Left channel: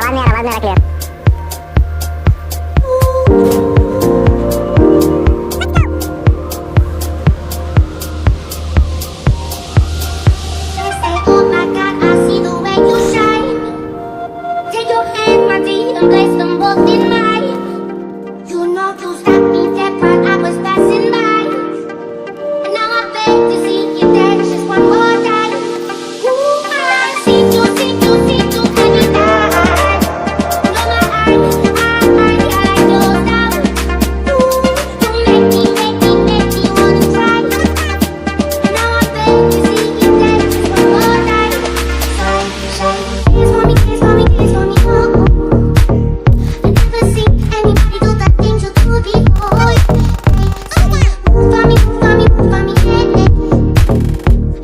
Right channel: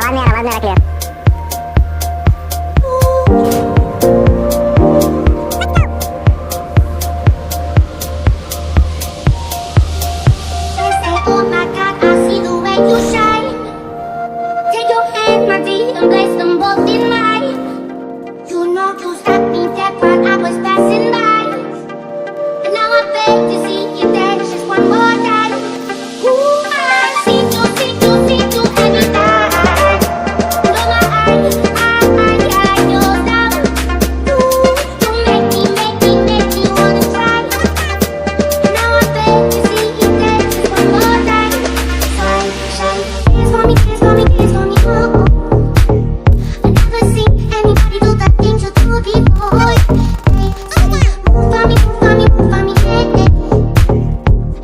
आवाज नहीं आ रहा clear. And place them both in mine. You know you stopped me dead while I was passing by. And now I beg to see you dance just one more time. Ooh, I see you every time. And on my eyes, I know now. Ooh, you make me wanna try. And now I beg to see you dance just one more time. Shy, dance for me, dance for me, dance for me, oh. Anybody do the things you do before? Move for me, yeah.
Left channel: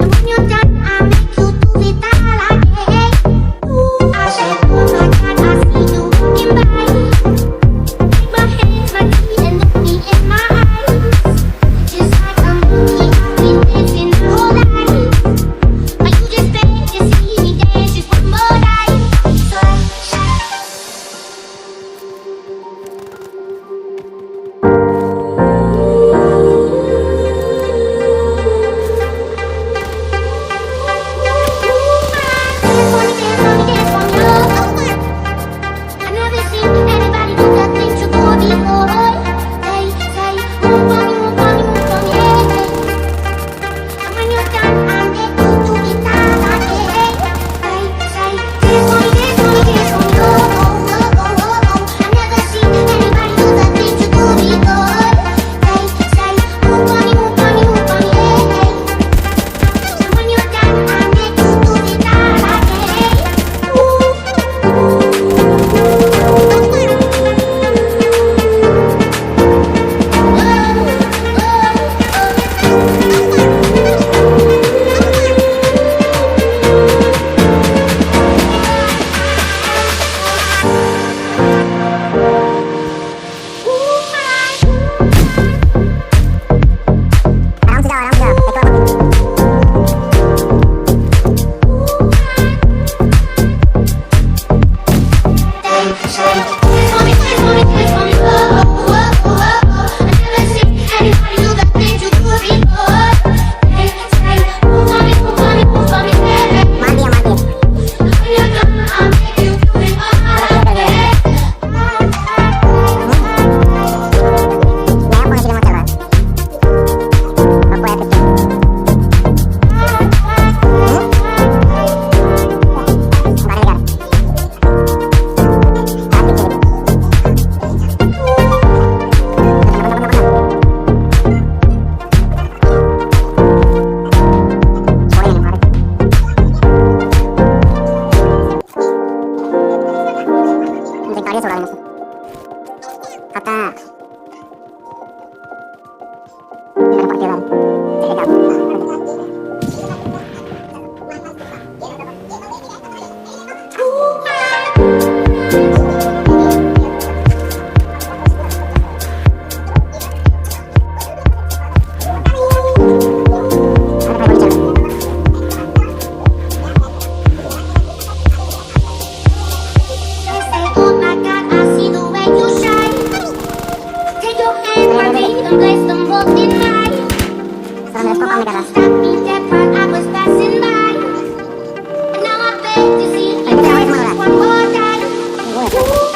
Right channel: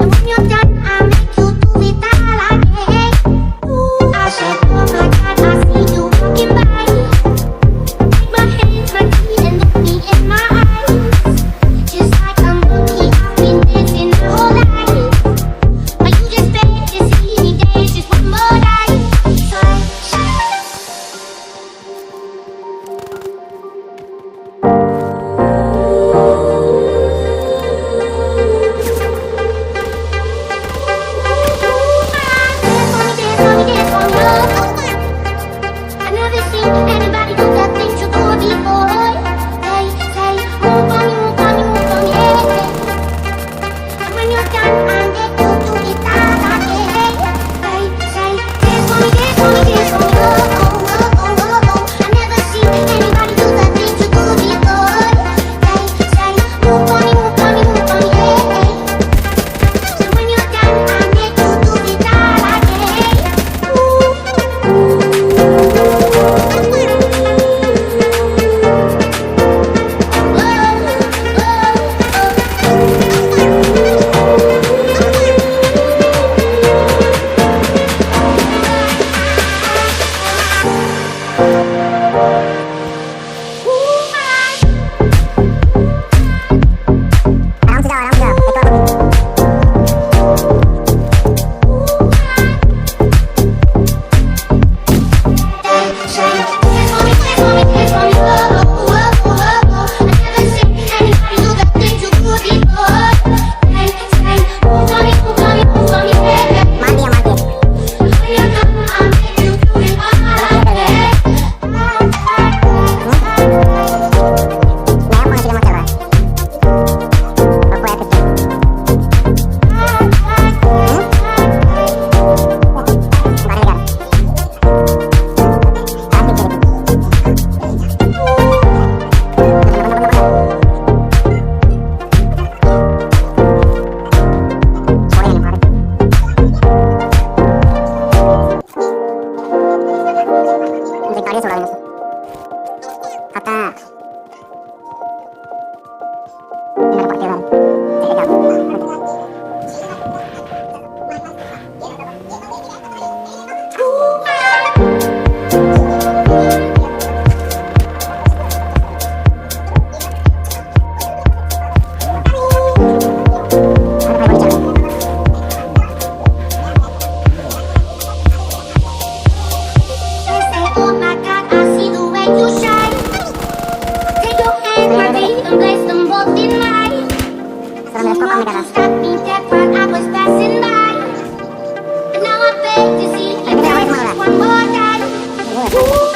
And when you're done, I make you do it all again. Ooh, I said, oh my God, I see you walking by. Take my hands, my feet, and look me in my eyes. Just like a monkey, I've been dancing my whole life. But you just beg to see me dance just one more time. So shy. I never seen anybody do the things you do before. They say, move for me, yeah. And when you're done, I make you do it all again. They say, dance for me, oh. I never seen anybody do the things you do before. They say, move for me, yeah. And when you're done, I make you do it all again. And place them both in mine. You know you stopped me dead while I was passing by. And now I beg to see you dance just one more time. Ooh.